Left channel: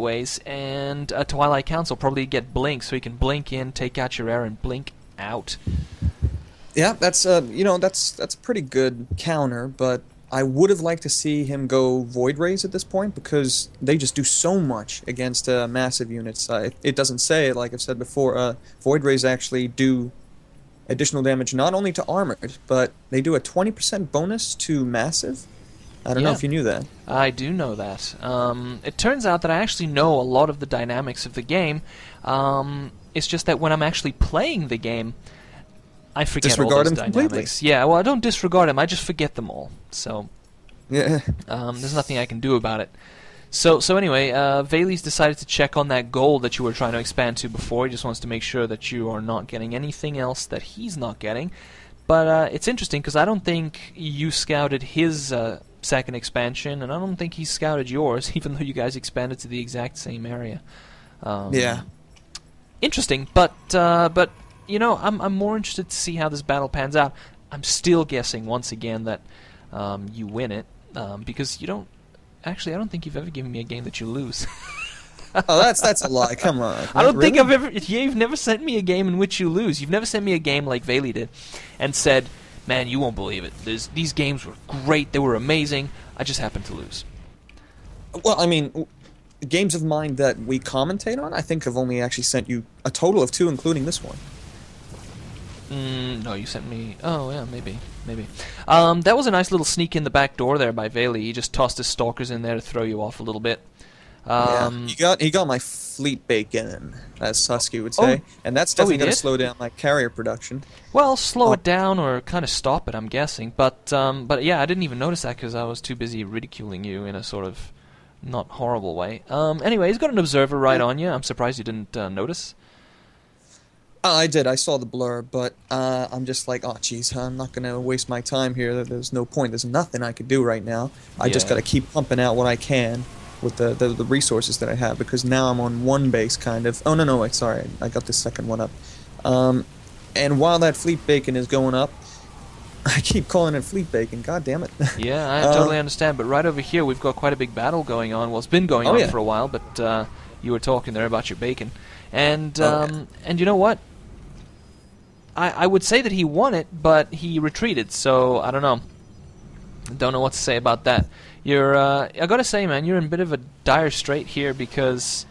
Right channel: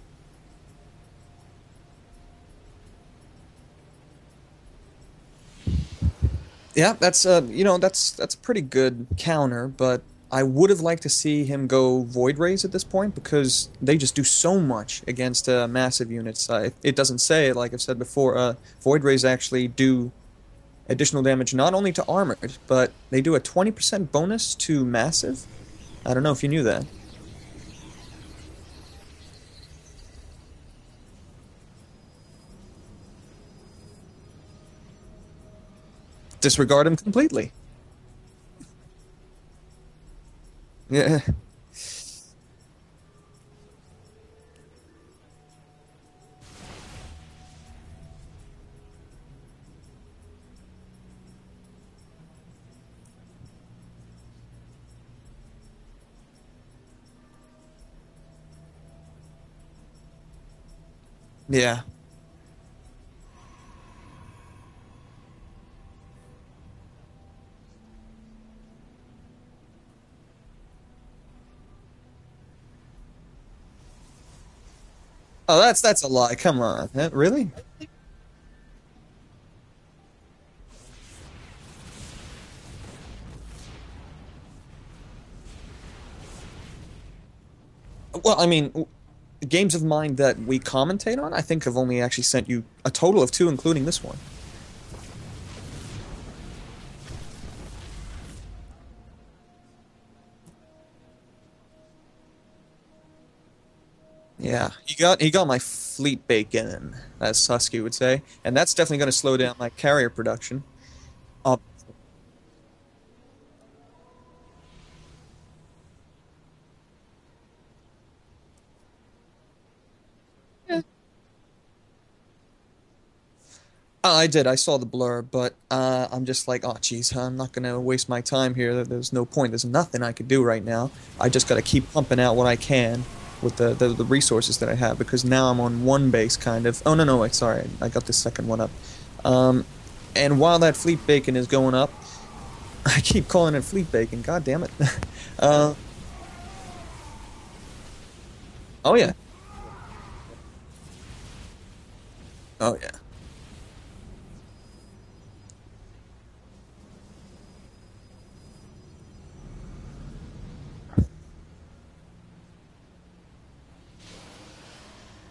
ways, and a Twilight Council probably get blink, so you can blink in, take out your air, and blink out. Yeah, that's that's a pretty good counter, but I would have liked to see him go Void Rays at this point because they just do so much against massive units. It doesn't say it, like I've said before. Void Rays actually do additional damage not only to armored, but they do a 20% bonus to massive. I don't know if you knew that. I do know that. It turns out that I actually know a lot of the dynamics of the game. It's just that when I'm actually playing the game, I forget disregard all those them completely. Yeah, well, I don't disregard them. I just forget them all. So yeah, there's nothing I can do about it. So anyway, Valy's decided to check on that goal that you were trying to expand to before. He just wants to make sure that you are not getting anything else that he's not getting. But it's interesting because I don't think you scouted his second expansion, and I don't think he scouted yours, even though you guys expanded to the exact same area. yeah. Interesting, but you know, I'm more interested to see how this battle pans out. I'm still guessing once again that you win it because you don't. Actually, I don't think you've ever given me a game that you lose. Oh, that's a lie. Come on. I don't really? think I've ever. You've never sent me a game in which you lose. You've never sent me a game like Valy did, and said, "Man, you won't believe it. These games were great. They were amazing. I just happened to lose." Well, I mean, games of mine that we commentate on, I think I've only actually sent you a total of 2, including this one. No, you sent me. Oh yeah, maybe. That was a nice little sneak in the back door there by Valy. He just tossed his stalkers in there to throw you off a little bit. Yeah, he got my fleet bacon, as Susky would say, and that's definitely going to slow down my carrier production. Well, slow it down or kind of stop it, I'm guessing. But yeah, I didn't even notice that because I was too busy ridiculing you in a sort of not horrible way. Anyway, he's got an observer right on you. I'm surprised you didn't notice. I did. I saw the blur, but I'm just like, oh, jeez, I'm not going to waste my time here. There's no point. There's nothing I could do right now. I just got to keep pumping out what I can with the resources that I have, because now I'm on one base, kind of. Oh, no, wait, sorry. I got the second one up. And while that fleet bacon is going up, I keep calling it fleet bacon. God damn it. Yeah, I totally understand. But right over here, we've got quite a big battle going on. Well, it's been going on for a while, but you were talking there about your bacon. And and you know what? I would say that he won it, but he retreated, so I don't know. Don't know what to say about that. You're, I gotta say, man, you're in a bit of a dire strait here because,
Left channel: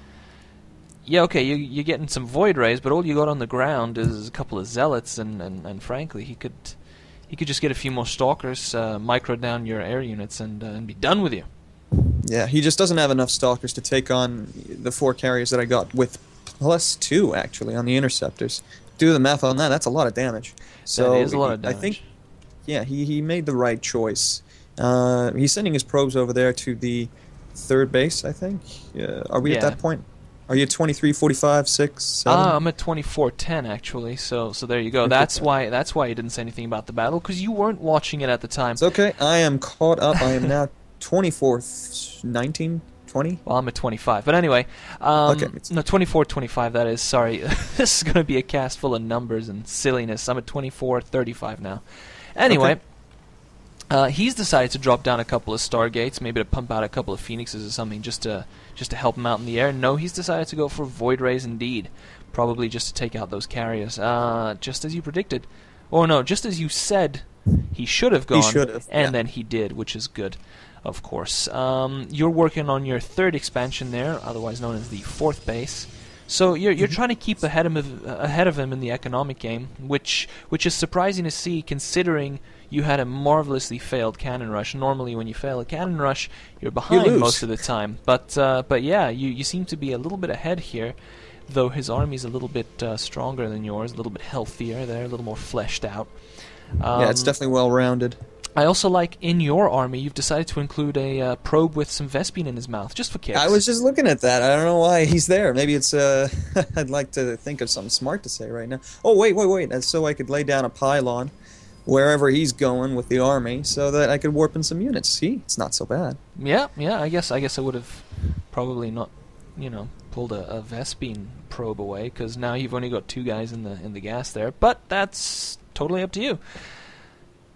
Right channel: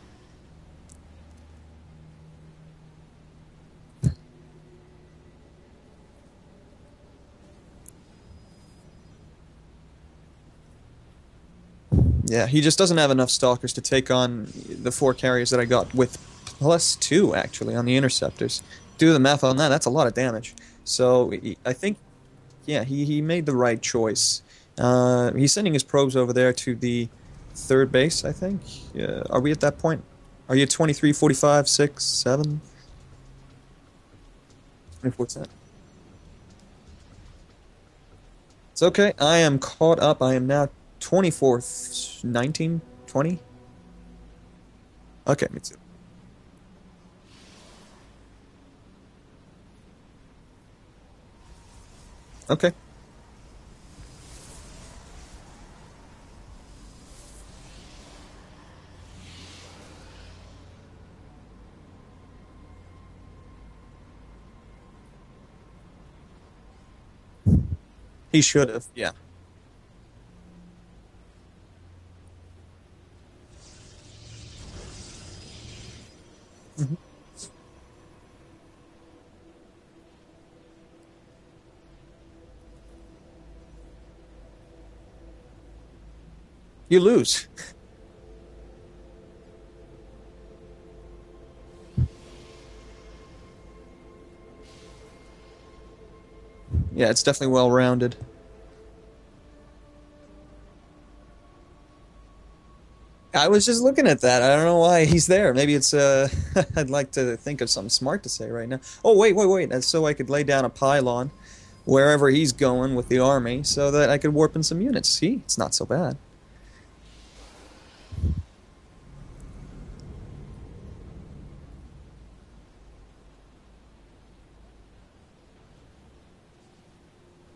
yeah, okay, you're getting some Void Rays, but all you got on the ground is a couple of Zealots, and frankly, he could just get a few more Stalkers, micro down your air units, and be done with you. Yeah, he just doesn't have enough Stalkers to take on the 4 carriers that I got with +2, actually, on the Interceptors. Do the math on that, that's a lot of damage. So I think, yeah, he made the right choice. He's sending his probes over there to the 3rd base, I think. Are we at that point? Are you at 23, 45, 6, 7? I'm at 24-10 actually. So there you go. That's why you didn't say anything about the battle, because you weren't watching it at the time. It's okay. I am caught up. I am now 24, 19. 20? Well, I'm at 25. But anyway, okay. No, 24, 25, that is. Sorry. This is going to be a cast full of numbers and silliness. I'm at 24, 35 now. Anyway, he's decided to drop down a couple of Stargates, maybe to pump out a couple of Phoenixes or something, just to help him out in the air. No, he's decided to go for Void Rays indeed. Probably just to take out those carriers. Just as you predicted. Or no, just as you said he should have gone. He should have, and then he did, which is good. Of course. You're working on your 3rd expansion there, otherwise known as the 4th base. So you're trying to keep ahead of him in the economic game, which is surprising to see, considering you had a marvelously failed cannon rush. Normally, when you fail a cannon rush, you're behind most of the time. But yeah, you seem to be a little bit ahead here, though his army's a little bit stronger than yours, a little bit healthier. They're a little more fleshed out. Yeah, it's definitely well-rounded. I also like, in your army, you've decided to include a probe with some Vespene in his mouth, just for kicks. I was just looking at that. I don't know why he's there. Maybe it's, I'd like to think of something smart to say right now. Oh, wait. That's so I could lay down a pylon wherever he's going with the army, so that I could warp in some units. See? It's not so bad. Yeah, I guess I would have probably not, pulled a Vespene probe away, because now you've only got 2 guys in the gas there, but that's totally up to you.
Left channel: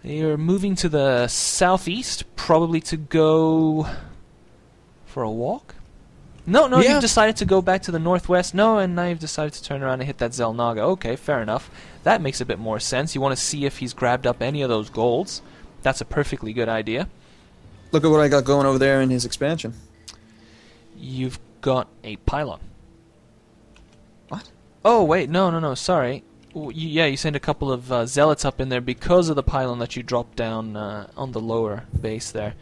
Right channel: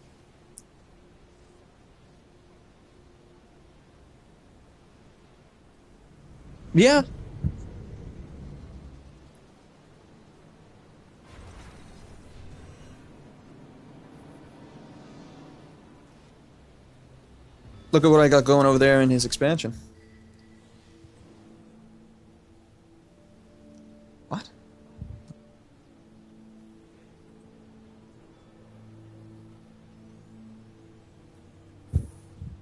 You're moving to the southeast, probably to go for a walk? No, Yeah. you've decided to go back to the northwest. No, and now you've decided to turn around and hit that Zelnaga. Okay, fair enough. That makes a bit more sense. You want to see if he's grabbed up any of those golds. That's a perfectly good idea. Look at what I got going over there in his expansion. You've got a pylon. What? Oh, wait, no, sorry. Yeah, you sent a couple of zealots up in there because of the pylon that you dropped down on the lower base there.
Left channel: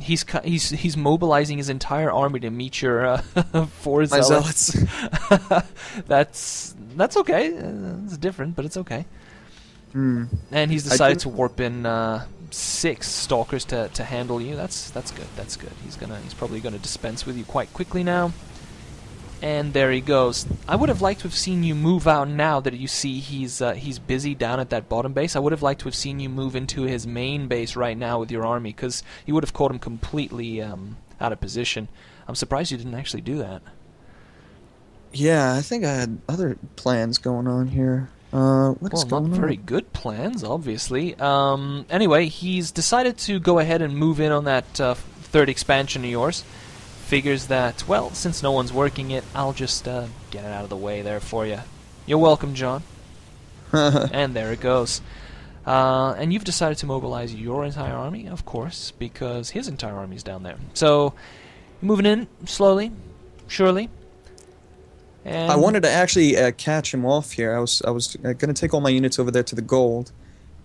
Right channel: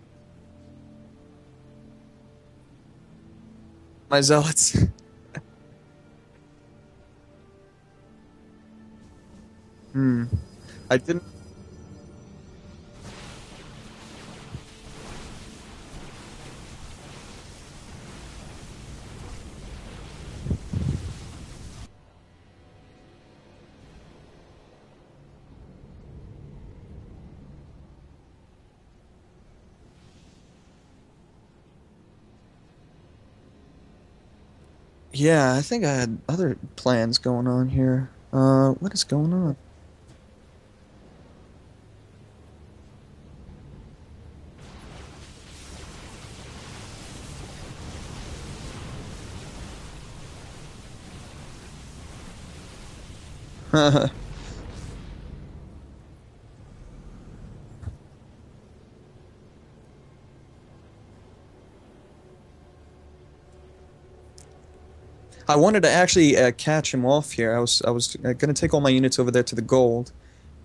He's mobilizing his entire army to meet your 4 zealots. My zealots. That's okay. It's different, but it's okay. Hmm. And he's decided to warp in 6 stalkers to handle you. That's good. That's good. He's probably gonna dispense with you quite quickly now. And there he goes. I would have liked to have seen you move out now that you see he's busy down at that bottom base. I would have liked to have seen you move into his main base right now with your army, because you would have caught him completely out of position. I'm surprised you didn't actually do that. Yeah, I think I had other plans going on here. What's going on? Not very good plans, obviously. Anyway, he's decided to go ahead and move in on that 3rd expansion of yours. Figures that, well, since no one's working it, I'll just get it out of the way there for you. You're welcome, John. And there it goes. And you've decided to mobilize your entire army, of course, because his entire army's down there. So, moving in slowly, surely. And I wanted to actually catch him off here. I was going to take all my units over there to the gold,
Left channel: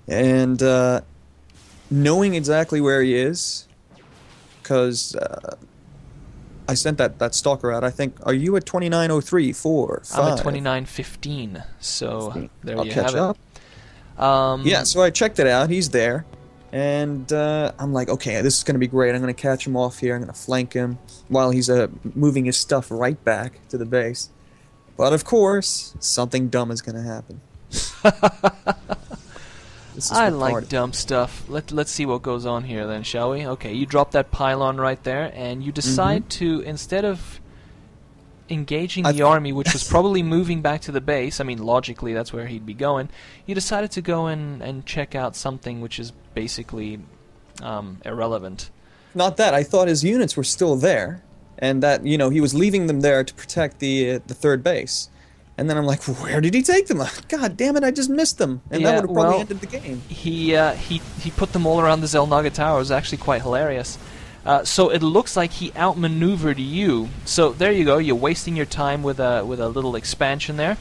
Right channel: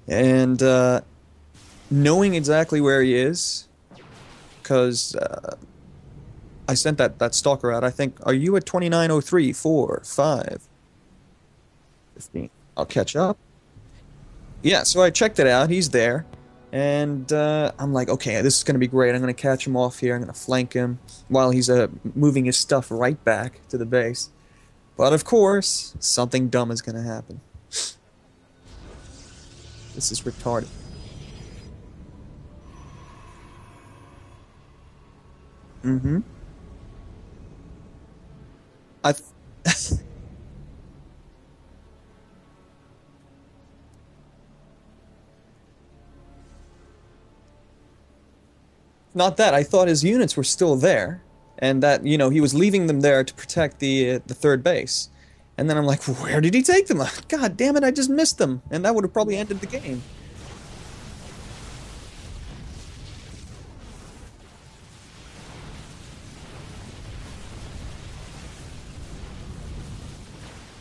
and knowing exactly where he is, because I sent that stalker out. I think, are you at 2903, 4, 5? I'm at 2915, so 15. There I'll you catch have up. Yeah, so I checked it out. He's there. And I'm like, okay, this is going to be great. I'm going to catch him off here. I'm going to flank him while he's moving his stuff right back to the base. But of course, something dumb is going to happen. I like dumb stuff. Let's see what goes on here then, shall we? Okay, you drop that pylon right there, and you decide to, instead of engaging the army, which was probably moving back to the base, I mean, logically that's where he'd be going, you decided to go in and check out something which is basically irrelevant. Not that. I thought his units were still there, and that, you know, he was leaving them there to protect the 3rd base. And then I'm like, where did he take them? God damn it, I just missed them. And that would have probably ended the game. He put them all around the Zelnaga Tower. It was actually quite hilarious. So it looks like he outmaneuvered you. So there you go. You're wasting your time with a little expansion there.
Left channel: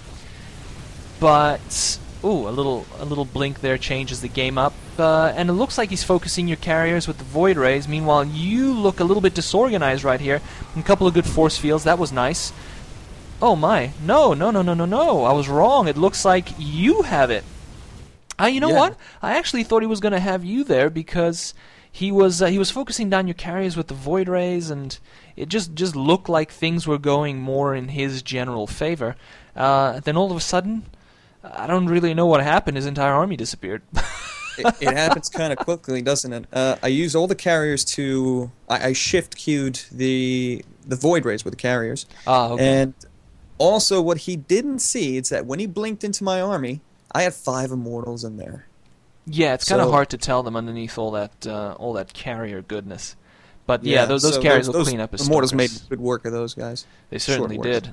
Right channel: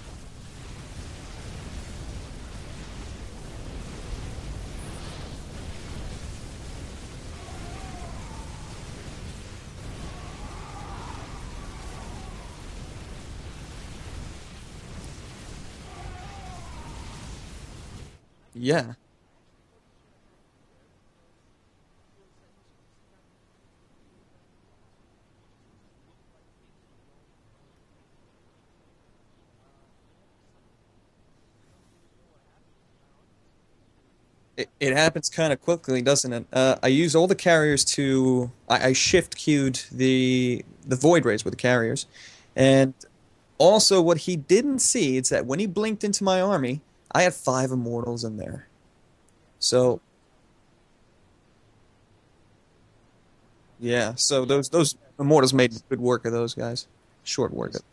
But ooh, a little blink there changes the game up. And it looks like he's focusing your carriers with the Void Rays. Meanwhile, you look a little bit disorganized right here. A couple of good force fields. That was nice. Oh my! No! I was wrong. It looks like you have it. You know what? I actually thought he was going to have you there because he was focusing down your carriers with the Void Rays, and it just looked like things were going more in his general favor. Then all of a sudden, I don't really know what happened. His entire army disappeared. It happens kind of quickly, doesn't it? I used all the carriers to... I shift queued the Void Rays with the carriers. Okay. And also, what he didn't see is that when he blinked into my army, I had 5 immortals in there. Yeah, it's kind of hard to tell them underneath all that carrier goodness. But yeah, those carriers will clean up his immortals stores. made good work of those guys. They certainly did.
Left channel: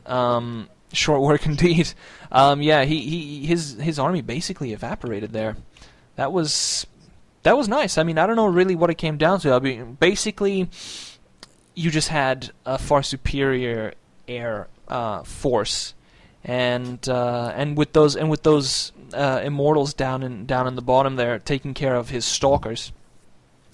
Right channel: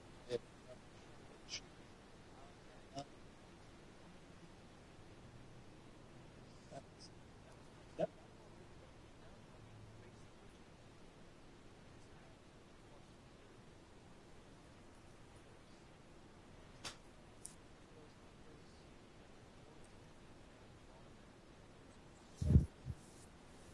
Short work indeed. Yeah, his army basically evaporated there. That was nice. I mean, I don't know really what it came down to. I mean, basically, you just had a far superior air force, and with those immortals down in the bottom there taking care of his stalkers,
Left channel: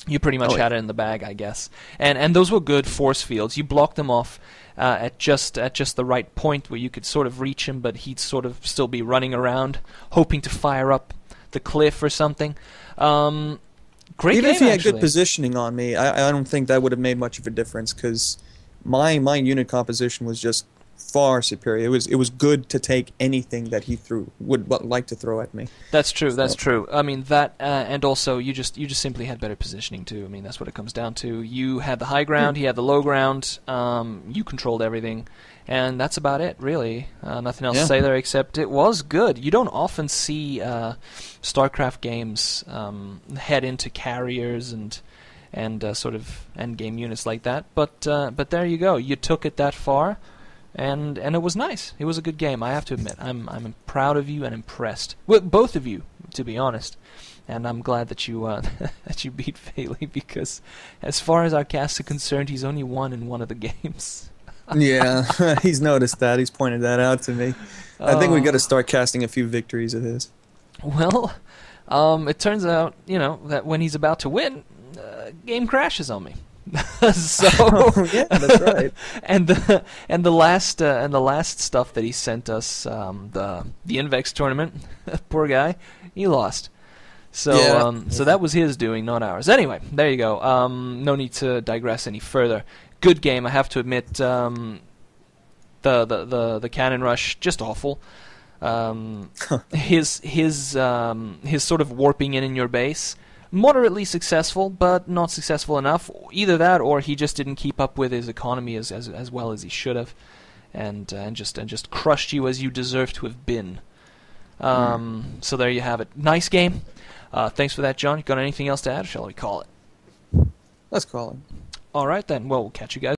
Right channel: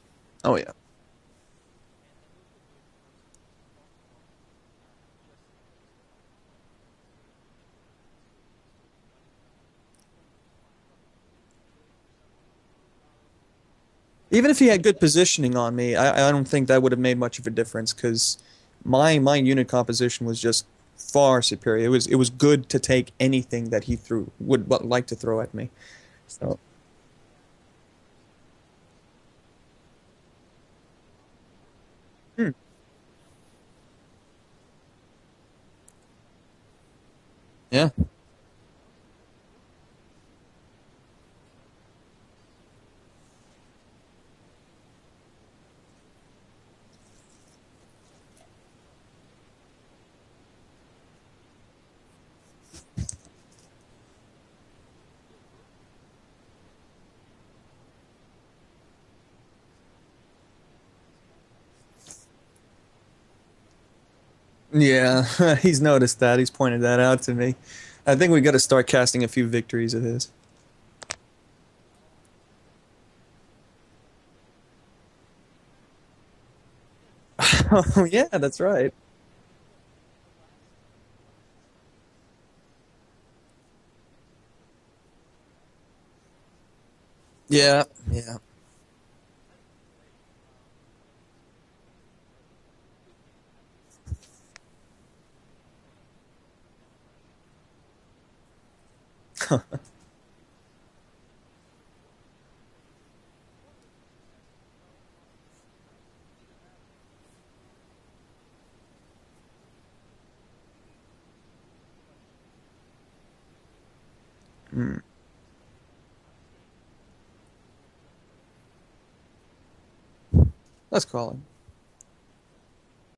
you pretty much had it in the bag, I guess. And those were good force fields. You blocked them off at just the right point where you could sort of reach him, but he'd sort of still be running around, hoping to fire up the cliff or something. Great Even game, if he had actually. good positioning on me, I don't think that would have made much of a difference, because my unit composition was just far superior. It was good to take anything that he would like to throw at me. That's true. That's true. I mean that, and also you just simply had better positioning too. I mean that's what it comes down to. You had the high ground, he had the low ground. You controlled everything, and that's about it, really. Nothing else to say there except it was good. You don't often see StarCraft games head into carriers and and sort of end game units like that. But there you go. You took it that far, and it was nice. It was a good game. I have to admit. I'm proud of you and impressed with both of you, to be honest. And I'm glad that you that you beat Valy, because as far as our cast are concerned, he's only won in one of the games. Yeah, he's noticed that. He's pointed that out to me. I think we got to start casting a few victories of his. Well, it turns out, that when he's about to win, game crashes on me. So yeah, that's right. and the last stuff that he sent us, the Invex tournament, poor guy, he lost. So so that was his doing, not ours. Anyway, there you go. No need to digress any further. Good game, I have to admit. The cannon rush, just awful. His sort of warping in your base, moderately successful, but not successful enough. Either that, or he just didn't keep up with his economy as well as he should have, and just crushed you as you deserve to have been. So there you have it. Nice game. Thanks for that, John. You got anything else to add, or shall we call it? Let's call it. All right, then. Well, we'll catch you guys.